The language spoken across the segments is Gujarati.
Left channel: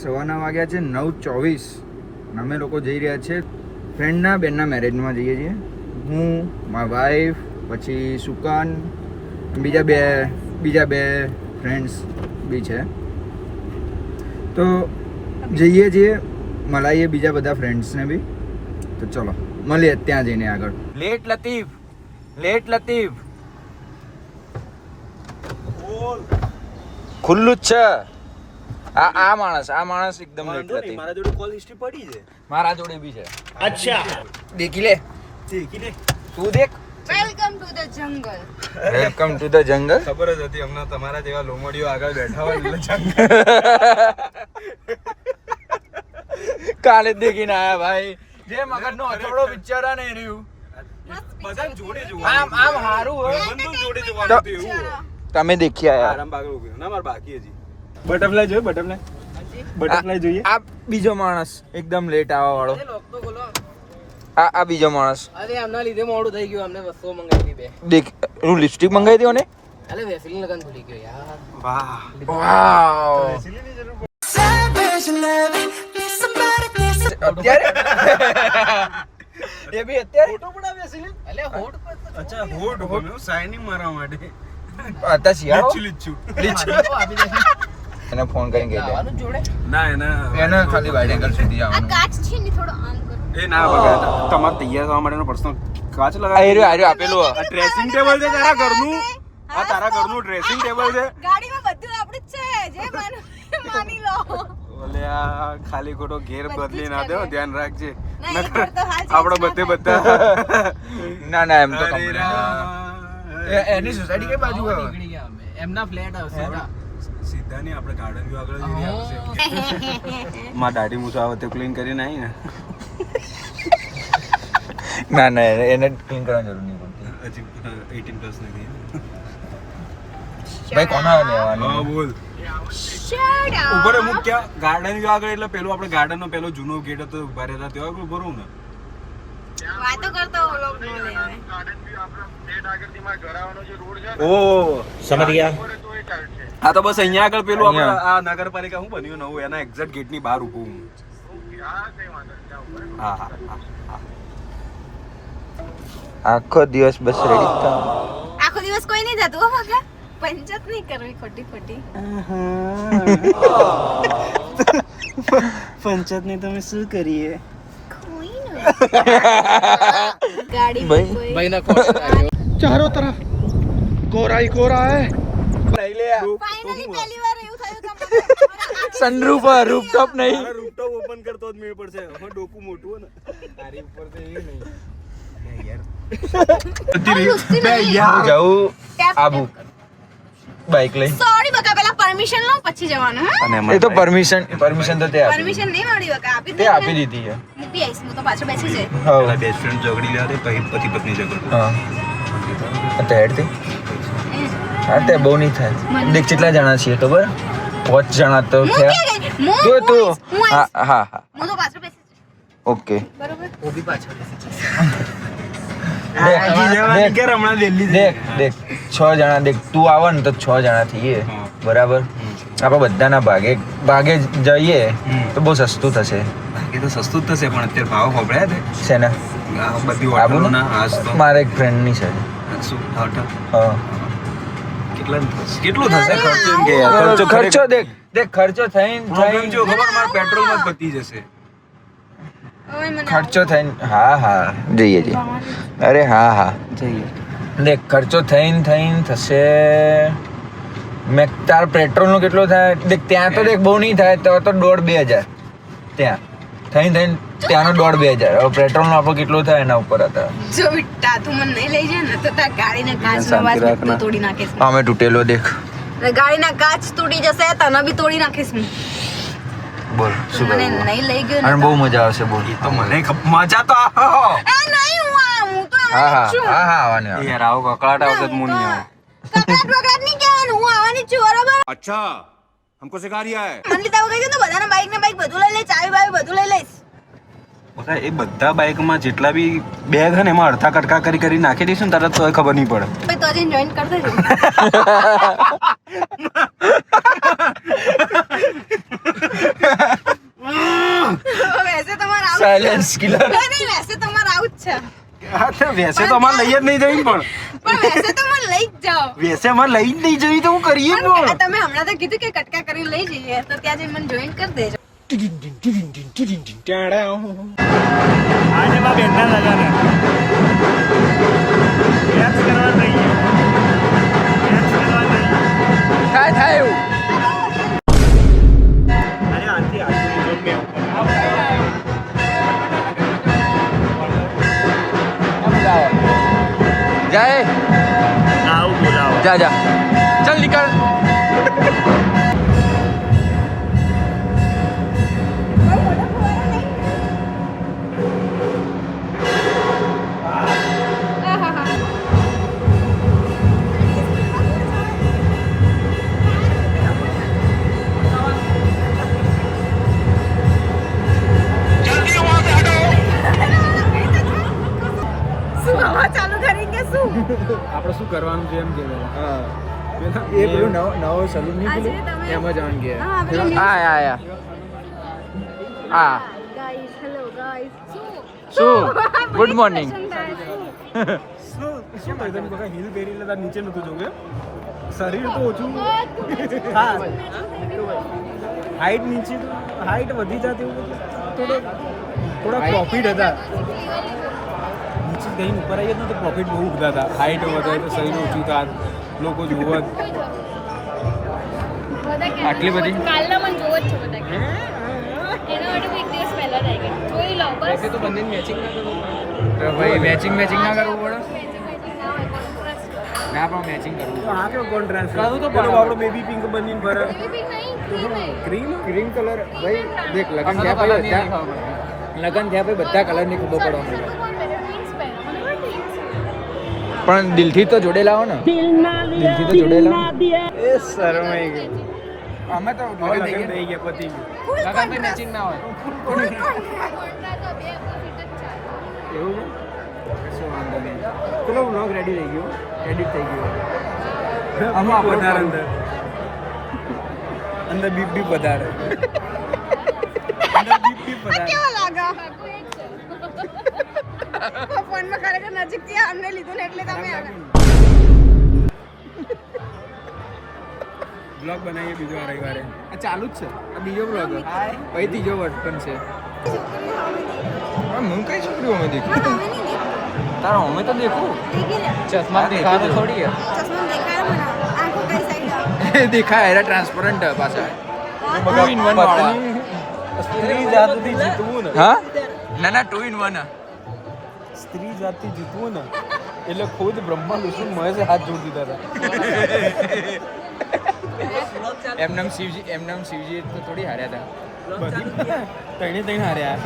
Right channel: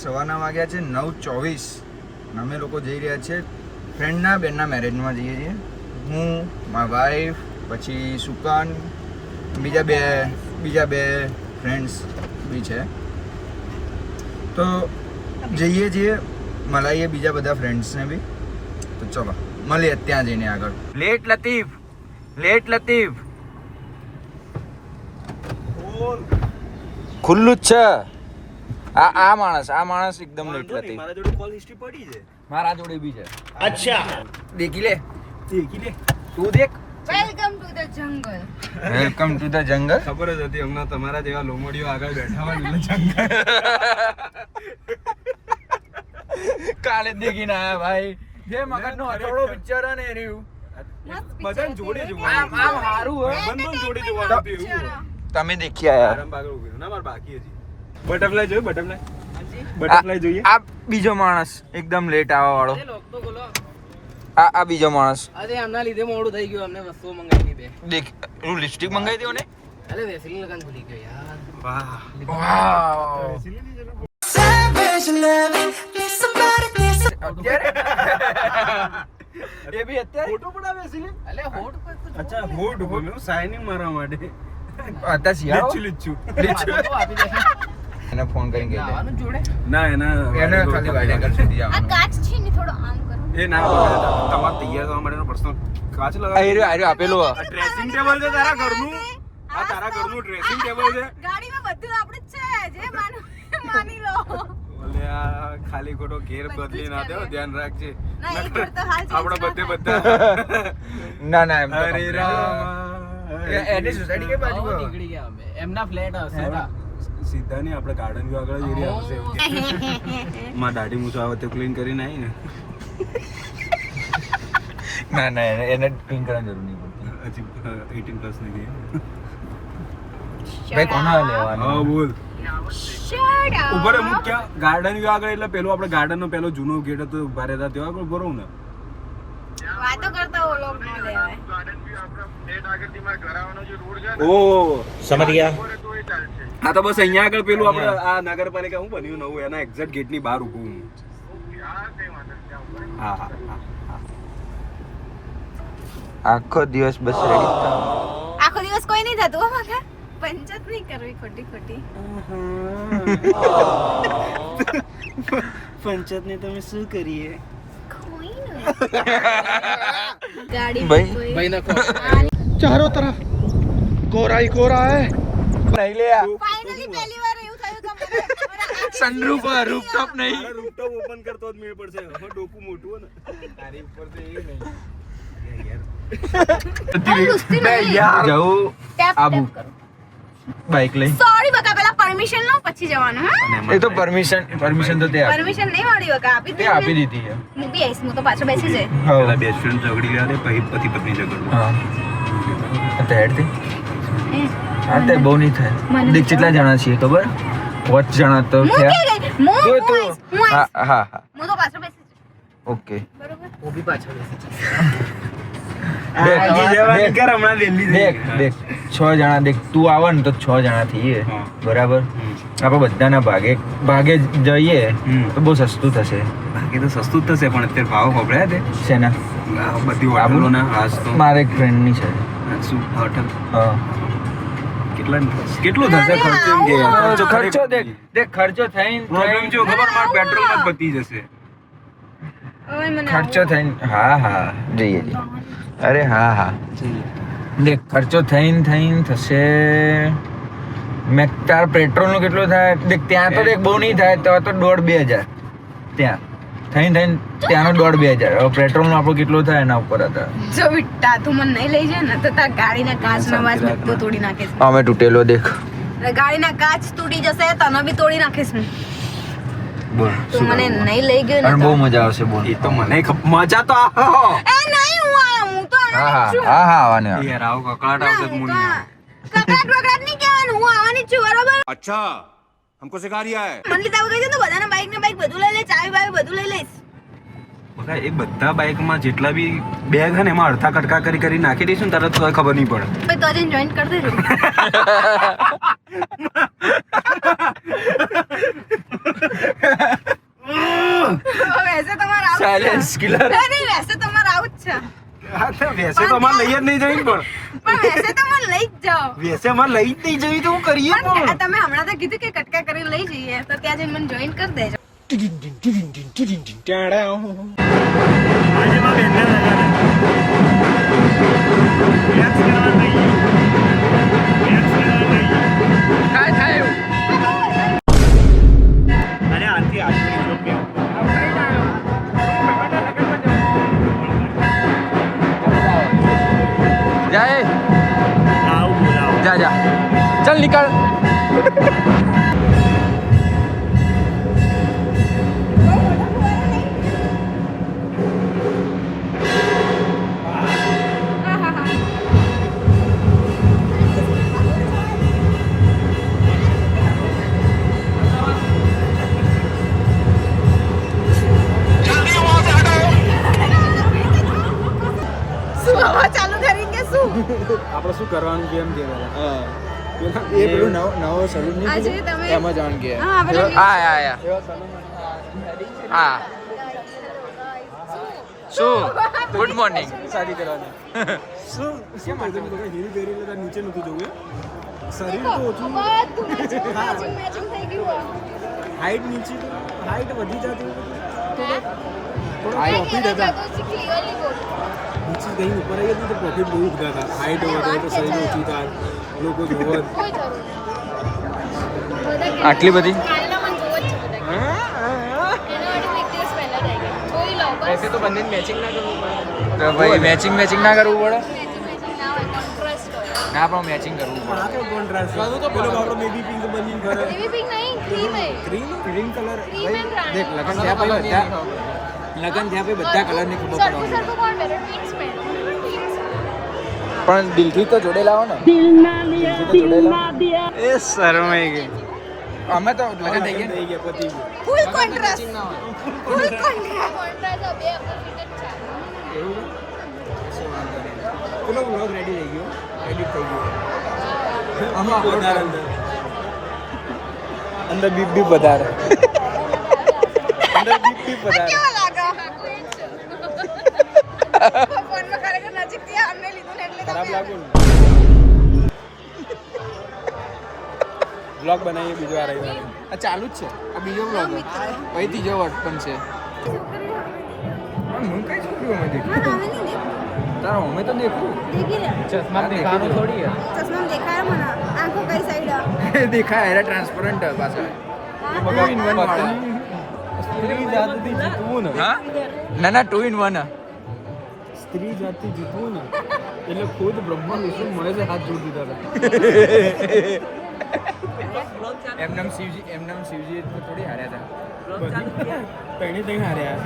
સવારના વાગ્યા છે 9:24. અમે લોકો જઈ રહ્યા છીએ ફ્રેન્ડના બેનના મેરેજમાં જઈએ છીએ. હું, મારી વાઈફ, પછી સુકાન, બીજા બે ફ્રેન્ડ્સ બી છે. તો જઈએ છીએ, મળાઈએ બીજા બધા ફ્રેન્ડ્સને બી. તો ચલો મળીએ ત્યાં જઈને આગળ. લેટ લતીફ ખુલ્લું જ છે. આ માણસ એકદમ લેટ લતીફ. મારા જોડે કોલ હિસ્ટ્રી પડી છે. મારા જોડે બી છે. અચ્છા દેખી લે તું દેખ. Welcome to the jungle. Welcome to the jungle. ખબર જ હતી હમણાં તમારા જેવા લોમડીઓ આગળ બેઠા હોય એટલે જંગલ. કાલે જ દેખીને આયા ભાઈ. જે મગજનો હથોડો પિક્ચર આ ને રહ્યું. બધાને જોડે આમ જોવાનું હારું હોય. બંધુન જોડે જોવાનું હતું એવું. તમે દેખી આયા. આરામ બાગળ ઉભી ના માર બાકી હજી. બટરફ્લાય જોયો બટરફ્લાય જોઈએ. આ બીજો માણસ એકદમ લેટ આવવા વાળો. આ બીજો માણસ. અરે આમના લીધે મોડું થઈ ગયું. અમને વસ્તુઓ મંગાવી બે. દેખ હું લિપસ્ટિક મંગાવી દઉં ને. અરે વેસલીન લગન ભૂલી ગયો યાર. વાહ વાવ. સિલીની જરૂર અત્યારે એ બી અત્યારે ફોટો પડાવે સિલી. અલે હોટ પર તો અચ્છા હોટ ઉપર મેં સાઇનિંગ મારવા માટે અત્યારે શિયાળો લીચું આપી દે. એને ફોન કરીને કહી દે. આવવાનું જ જોડે. ના એના એને ખાલી વાઇડ એંગલ સુધી આ આવવાનું. કાચ છે ને થોડો આમ કરો. એ ના તમારે તૈયાર થવા માટેનો પર્સનલ કાચ આ લગાવી. રહ્યો આપેલું આ ડ્રેસિંગ ટેબલ છે તારા ઘરનું. આ તારા ઘરનું ડ્રેસિંગ ટેબલ છે. ગાડીમાં બધું આપણું જ છે. જે માની લો. ઓલે આ ખાલી ખોટો ઘેર બદલી ના દેવો ધ્યાન રાખજે. ના, એ ઘર તો હાલ આપણો change બધે ના બધા ના ના એમ તો અરે complete. રામ. એની સોસાયટી કઈ બાજુ આવો નીકળી ગયા અમે. એમના ફ્લેટ હશે. સીધા નહીં આપણે ગાર્ડન વ્યૂ આગળ જ એરિયા આવશે. માં દાઢી મૂછો આવે તો ક્લીન કરીને આવી ને ના ના એને ક્લીન કરવાની જરૂર નહીં પડતી. હજી 18 પ્લસ નથી. ભાઈ કોના હા લેવાનું? બોલ. Shut up. ઉપર અમુક ક્યાં ગાર્ડન વ્યૂ આગળ એટલે પેલો આપણે ગાર્ડન નો પેલો જૂનો ગેટ હતો ઉભા રહેતા ત્યાં આગળ બરોબર ને. વાતો કરતો લોક લેવાય. ઓ સમજ ગયા. હા તો બસ અહીંયા આગળ પેલું આપણે આ નગરપાલિકા શું બન્યું નવું એના એક્ઝેક્ટ ગેટ ની બહાર ઊભું હું. હા હા હા આખો દિવસ બસ રેડી થા. આખો દિવસ કોઈ નહીં થતું હો મગા. પંચાયત નહીં કરવી ખોટી. પંચાયત ને તમે શું કરીએ? કોઈ નહીં. ગાડી ભાઈ. કોઈ ભાઈ ના કોલ. ચારો તરફ કોરા હી કોરા હે. નહીં લે ફાઇનલી પહેલી વાર એવું થયું તમારે. સનરૂફ રૂફટોપ નહીં. રૂફટોપ ઓપન કરતો જ મેળ પડશે. હવે ડોકું મોટું હે ને. તારી ઉપર તો એ નહીં. બે યાર જાઉં આબુ બાઈક લઈ. સોરી બકા પેલા પરમિશન લો પછી જવાનું હા. એ તો પરમિશન તો તે આપી. પરમિશન નહીં મળી બકા આપી તે આપી દીધી છે. હું બી આવીશ. હું તો પાછળ બેસી જઈ. પેલા બેસ્ટ ફ્રેન્ડ ઝઘડી લે પછી પતિ પત્ની ઝઘડો. હા તો હેડ થી. હા તે બહુ નહીં થાય. દેખ કેટલા જણા છીએ ખબર? 5 જણા તો હું થયા. કે ગઈ હું તું તું હું હા હા હા હું તો પાછળ બેસી જઈશ. ઓકે. બરોબર. હું બી પાછળ બેસી જઈશ. દેખ 6 જણા દેખ તું આવ ને તો 6 જણા થઈએ હા. બરાબર. આપણે બધાના ભાગે જઈએ તો બહુ સસ્તું થશે. એ તો સસ્તું જ થશે પણ અત્યારે ભાવ ખબરાય છે છે ને બધી આબુ હોટલોના હાસ તો મારે એક ફ્રેન્ડની છે. શું હોટલ હા કેટલું થશે ખર્ચો એમ કે ખર્ચો દેખ ખર્ચો પ્રોબ્લેમ જો થઈને ખબર માર પેટ્રોલમાં જ પતી જશે. ઓય મને ખર્ચો થઈને હા જઈએ અરે હા દેખ ખર્ચો થઈને થશે. મેં તાર પેટ્રોલનું કેટલું થાય દેખ ત્યાં તો દેખ બહુ નહીં થાય તો 1,500-2,000 ત્યાં થઈને ત્યાંનો 1,500-2,000. હવે પેટ્રોલનો આપણો કેટલો થાય એના ઉપર હતા. જો બિટ્ટા તું મને નહીં લઈ જાય ને તો તાર ગાડીના કાચનો વાસ બધું તોડી નાખીશ. અમે તૂટેલો દેખ ગાડીના કાચ તૂટી જશે તને બી તોડી નાખીશ હું. બોલ તું મને નહીં લઈ ગયો ને અને બહુ તો- મજા આવશે બોલ. એ તો મને મજા તો આવે. આ નહીં હું તો આવવાની જ છું. આવવાની યાર આવો કકળાટ આવશે જ મુનિ આવે. કકડાટ બકડાટ નહીં કહેવાનું. હું આવવાની જ છું બરોબર. अच्छा हमको सिखा रिया है મને લીધા વગર તો બધાના બાઈક ને બાઈક બધું લઈ લે ચાવી બાવી બધું લઈ લઈશ. એ બધા બાઇકમાં જેટલા બી બેગ છે ને એમાં અડધા કટકા કરી નાખી દઈશું ને તરત તો ખબર નહીં પડે. તો જઈને જોઈન કરી દેજો. વૈસે તમારે આવું સાયલેન્સ કિલર. નહીં, વૈસે તમારે આવું જ છે. હા તો વેસે તો અમારે લઈ જ નહીં જવી પણ પણ વૈસે તમારે લઈ જ જાઓ. વેસે અમારે લઈ જ નહીં જવી તો હું કરીએ પણ પણ તમે હમણાં તો કીધું કે કટકા કરીને લઈ જઈએ તો ત્યાં જઈને મને જોઈન કરી દેજો. આજે બા બેનના લગાડે થાય થાય એવું. અરે આથી આથી મે જાય આવ બોલાવ જા જા ચલ નીકળ. શું હવા ચાલુ કરી કે શું? આપણે શું કરવાનું છે એમ કે હા પેલા એ પેલું નવો સલૂન નહીં આજે ખુલ્યું? તમે એમાં જવાનું કે હા પેલા આયા શું ગુડ મોર્નિંગ. શું કેમ આજે જરા હીલ પહેરી લેતા નીચે નતું જવું શરીર તો ઓછું હા હાઈટ નીચે તો હાઈટ વધી જતી થોડો થોડા પ્રોફિટ હતા નીચે ગઈ ઉપર આવીએ ને તો પ્રોફિટ બહુ ઉઠતા હતા હાઈટ વધે તો શરીર ઓછું થાય લોકો જોવા આટલી બધી કાલના મને જોવો જ છે બધા એના માટે હું એક દિવસ પહેલા જ આવી ગઈ જોઈ લો બસ તો બંને મેચિંગ ના કરવું તો ભાઈ મેચિંગ ના કરવું પડે. ના હોય કોન્ટ્રાસ્ટ ના પણ મેચિંગ કરવું પડે. હા કેવો કોન્ટ્રાસ્ટ પેલો આપણો બેબી પિંક બનીને ફરે બેબી પિંક નહીં ક્રીમ હે ક્રીમ ક્રીમ કલર ભાઈ દેખ લગન થયા ભાઈ બધા કલરની ખબર પડવા સર તો કોણ પહેરે પિંક્સ પહેરે પણ દિલથી તો જોડે લાવો ને. એ શરમાઈ ગઈ અમે તો જોડે દઈએ ને. થઈ ગયા પતી ગયું ફૂલ કોન્ટ્રાસ્ટ ના હોય. ફૂલ કોન્ટ્રાસ્ટ બે એવું છે કશો વાંધો નહીં. પેલો વ્લોગ રેડી થઈ ગયો એડિટ થઈ ગયો આમાં અપલોડ કરું અંદર બીપ બીપ વધારે અંદર બીપ બીપ વધારે. કેવો લાગે ફોનમાં ખરેખર નજીકથી આમને લીધું ને એટલે ખરાબ લાગ્યું ને બ્લોગ બનાવીએ બીજો આ રવિવારે આ ચાલુ જ છે આ બીજો વ્લોગ પછી ત્રીજો વર્ડ પણ છે. હું કઈ છોકરી અમે દેખું હા હવે નહીં દેખું તારો અમે તો દેખું દેખી લે ચશ્મા દેખાતું થોડી હે ચશ્મા દેખાય મને આંખો કઈ સાઈડ એ દેખાય એરા ટ્રાન્સપરન્ટ પાછા 2 in 1 વાળા. સ્ત્રી જાતથી જીતવું ને હા ના 2 in 1 સ્ત્રી જાતથી જીતવું ને એટલે ખુદ બ્રહ્મા વિષ્ણુ મહેશ હાથ જોડી દીધા હતા એમનામ શિવજી તો થોડી હાર્યા હતા. બધી તણી હાર્યા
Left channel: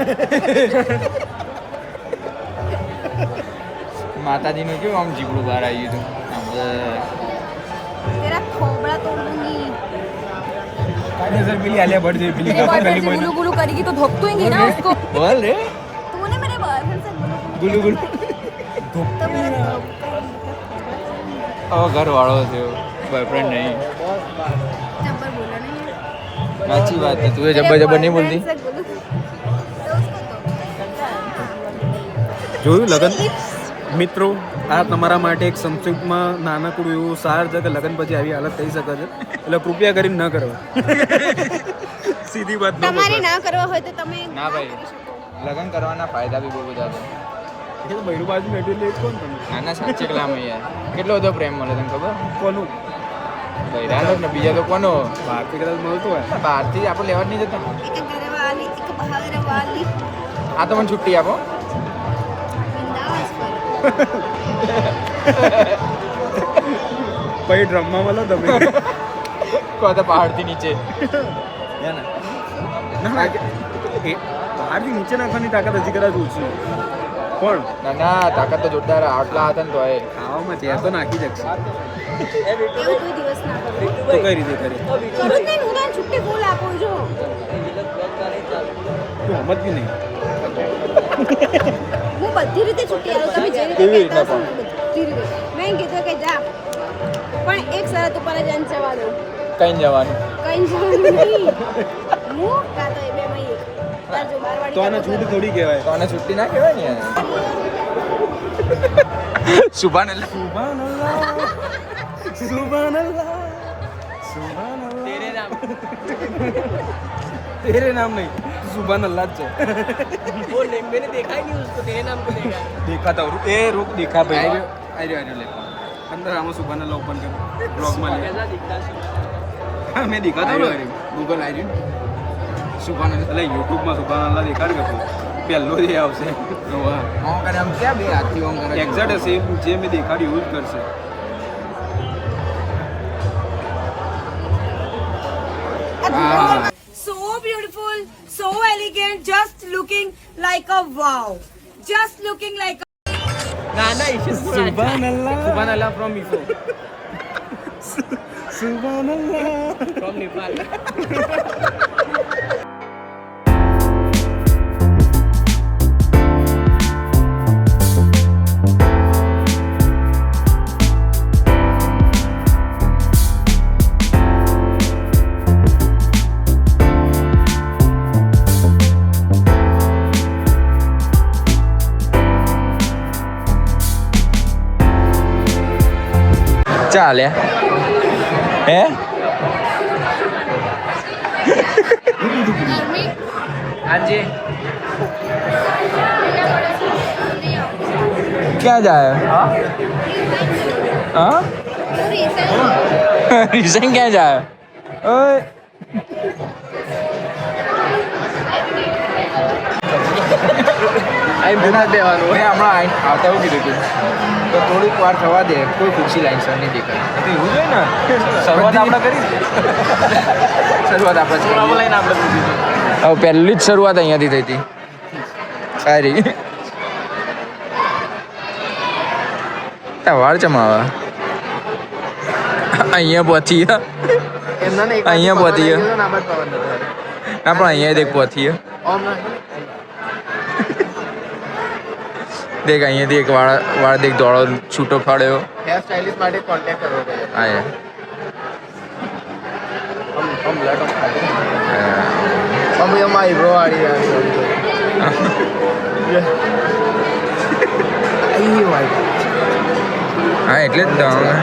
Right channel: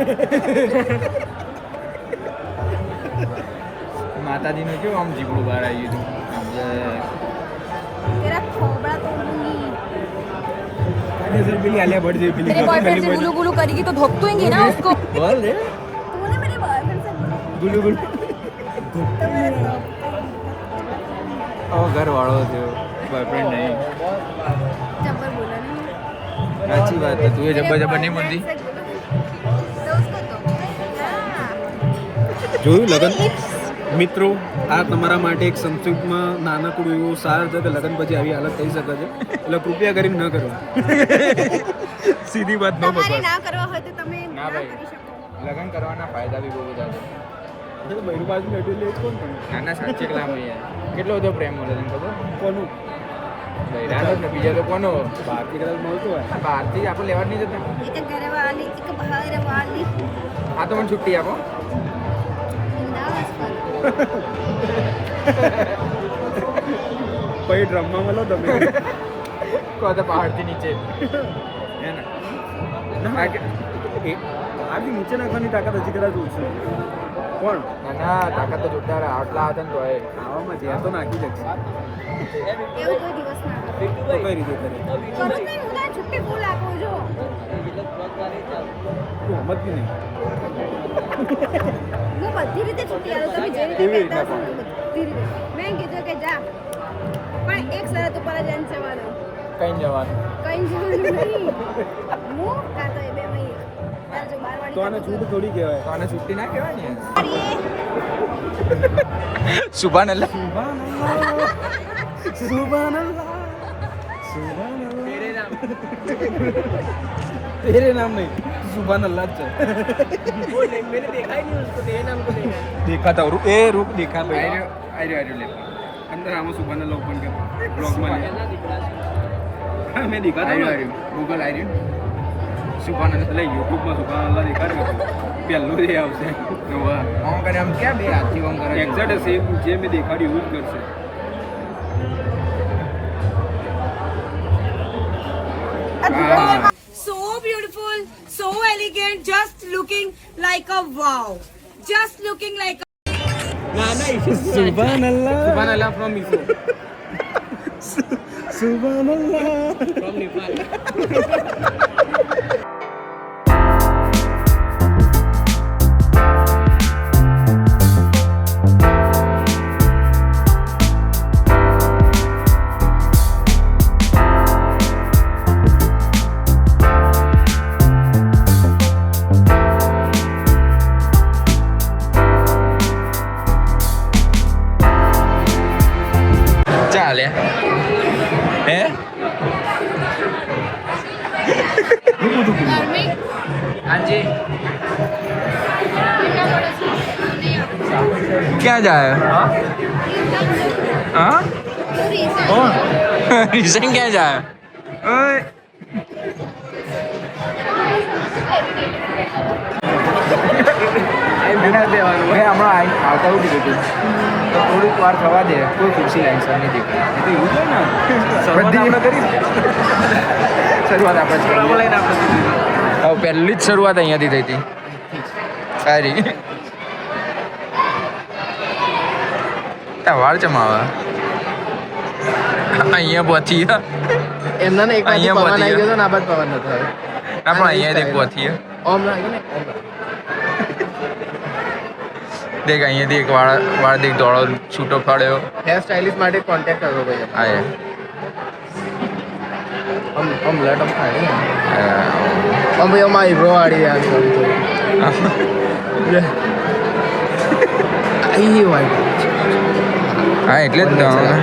માતાજીનું કેવું આમ જીગડું બહાર આવ્યું હતું આમ तेरा खोबड़ा तोड़ूंगी सर बिल्ली आलिया भट्ट जी बिल्ली तेरे बॉयफ्रेंड से गुलू गुलू करेगी तो धोपतूंगी ना उसको બોલ રે तूने मेरे बॉयफ्रेंड से गुलू गुलू गुलू तो मेरे હવે ઘર વાળો થયો બોયફ્રેન્ડ નહીં. जब्बर बोला नहीं સાચી વાત છે તું એ જબર જબર નહીં બોલતી. तो उसको तो જોયું લગન મિત્રો આ તમારા માટે એક સંક્ષિપ્તમાં નાનકડું એવું સાર છે કે લગન પછી આવી હાલત થઈ શકે છે એટલે કૃપયા કરીને ન કરો સીધી વાત ન તમારે બસ ના કરવા હોય તો તમે ના ના ભાઈ. કરી શકો લગ્ન કરવાના ફાયદા બી બહુ બધા છે. બહેરું બાજુ બેઠી એટલે કોણ તમે? નાના સાચી કલામ યાર કેટલો બધો પ્રેમ મળે તને ખબર કોનું બૈરાનો જ ને બીજા તો કોનો બાકી કદાચ મળતું હોય બહારથી આપણે લેવા જ નહીં જતા. એક ઘરે વાલી એક બહાર વાલી આ તો મને છુટ્ટી આપો. બિંદાસ પર પછી ડ્રમમાં મળો તમે તો આ તો પહાડથી નીચે હે ને આથી નીચે નાખવાની તાકાત હજી કદાચ ઓછી પણ ના ના તાકાત તો જોરદાર આટલા હતા ને તો એ ખાવામાં ત્યાં તો નાખી શકશે એવું કોઈ દિવસ ના કરો તો કઈ રીતે કરી કરું જ નહીં હું તને છુટ્ટી ફૂલ આપું છું હિંમત બી નહીં હું બધી રીતે છુટ્ટી આવું તમે જે રીતે કેવી કહેતા રીતના હશો ને બધી રીતે મેં કીધું કે જા પણ એક શરત ઉપર જ એને જવા દઉં કઈ જવાનું કઈ જવાનું નહીં હું કાં તો એ બેમાં એક. તાર જો બારવાડી તો આને કાં તો છૂટ થોડી કહેવાય. તો આને છુટ્ટી ના કહેવાય ને સુભાન અલ્લાહ. સુબહાનલ્લાહ સુબહાનલ્લાહ સુબહાનલ્લાહ तेरे नाम नहीं सुबहानल्लाह જ છે. वो नहीं, मैंने देखा ही नहीं उसको, तेरे नाम को देखा है। देखा था रुक देखा पहले आर्यो ले अंदर आमा सुबहानल्लाह ओपन कर ब्लॉग में सुबहानल्लाह दिखता है। हाँ मैं देखा था આર્યું ગૂગલ આર્યું સુભાન અલ્લાહ. એટલે યુટ્યુબ માં સુબહાનલ્લાહ દેખાડ કરતો પહેલો જે આવશે ઓમ કરે આમ ક્યાં બે હાથથી ઓમ કરે એક્ઝેક્ટ સેમ જે મેં દેખાડ્યું એવું જ કરશે. So beautiful, so elegant, just looking like a wow. Just looking like a સુબહાનલ્લાહ from Ifo. સુબહાનલ્લાહ From Nepal. ચાલે હે हाँ जी। क्या जाए हाँ रिसन क्या जाए ओए મેં હમણાં આવતા એવું કીધું હતું તો થોડીક વાર થવા દે કોઈ ખુરશી લાઈન નહીં દેખાય એવું છે ને શરૂઆત બધી- આપણે કરી શરૂઆત આપણે જ બરાબર કરી લઈને આપણે કીધું. પહેલી જ શરૂઆત અહીંયાથી થઈ હતી સારી વાળ ચમાવા અહીંયા પહોંચી અહીંયા પહોંચી ના પણ અહીંયા દેખ પહોંચી દેખ અહીંયાથી એક વાળ દેખ દોડો છૂટો ફાડ્યો હેર સ્ટાઇલિસ્ટ માટે કોન્ટેક્ટ કરવો પડે. આયા અમે એમાં ઈબ્રો વાળી હા એટલે જ તો હવે.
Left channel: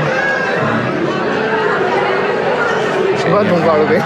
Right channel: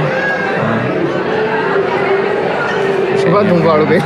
વાળું ગઈ